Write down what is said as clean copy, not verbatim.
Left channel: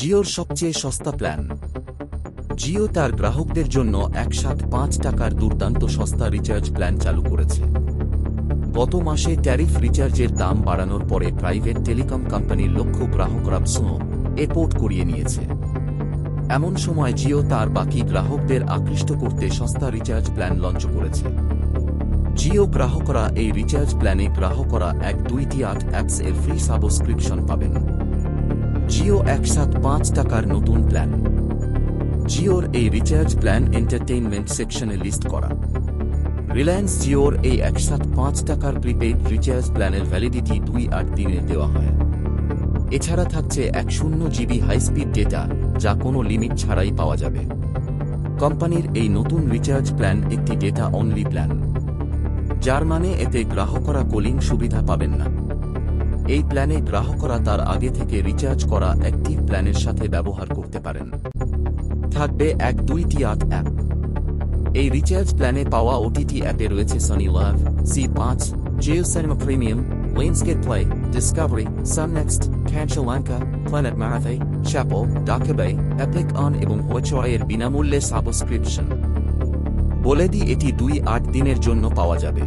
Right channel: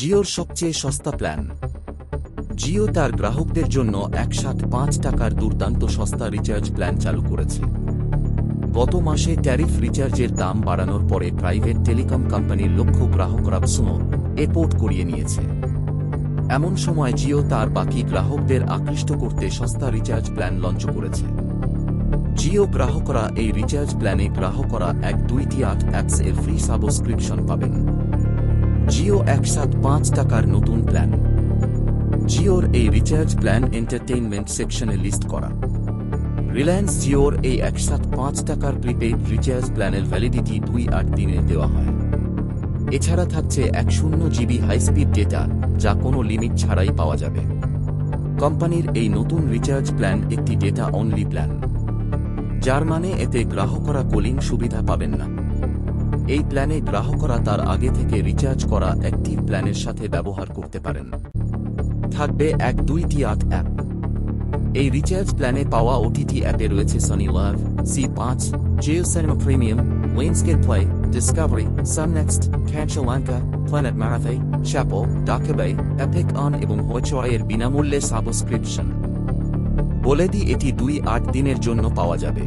জিওর সবচেয়ে সস্তা প্ল্যান। জিও তার গ্রাহকদের জন্য একসাথে ৫ টাকার দুর্দান্ত সস্তা রিচার্জ প্ল্যান চালু করেছে। গত মাসে ট্যারিফ রিচার্জের দাম বাড়ানোর পরে প্রাইভেট টেলিকম কোম্পানির লক্ষ্য গ্রাহকরা এপোর্ট করিয়ে নিয়েছে। এমন সময় জিও তার বাকি গ্রাহকদের আকৃষ্ট করতে সস্তা রিচার্জ প্ল্যান লঞ্চ করেছে। জিও গ্রাহকরা এই রিচার্জ প্ল্যানে গ্রাহকরা 128 অ্যাপস এর ফ্রি সাবস্ক্রিপশন পাবেন। জিও একসাথে ৫ টাকার নতুন প্ল্যান। জিওর এই রিচার্জ প্ল্যান এন্টারটেইনমেন্ট সেকশনে লিস্ট করা। রিলায়েন্স জিওর এই একসাথে ৫ টাকার প্রিপেইড রিচার্জ প্ল্যানের ভ্যালিডিটি ২-৮ দিনে দেওয়া হয়। এছাড়া থাকছে ১০০ জিবি হাইস্পিড ডেটা, যা কোনো লিমিট ছাড়াই পাওয়া যাবে। কোম্পানির এই নতুন রিচার্জ প্ল্যান একটি ডেটা অনলি প্ল্যান, যার মানে এতে গ্রাহকরা কলিং সুবিধা পাবেন না। এই প্ল্যানে গ্রাহকরা তার আগে থেকে রিচার্জ করা অ্যাক্টিভ প্ল্যানের সাথে ব্যবহার করতে পারেন। থাকবে 128 অ্যাপ। এই রিচার্জ প্ল্যানে পাওয়া ওটিটি অ্যাপে রয়েছে Sony Liv, C5, Jio Cinema premium, Lionsgate Play, Discovery, Sun NXT, Kancha Lanka, Planet Marathi, Chaupal, DocuBay, Epic On এবং হইচয়ের বিনামূল্যে সাবস্ক্রিপশন। বলে দিই, এটি 2-8 দিনের জন্য পাওয়া যাবে।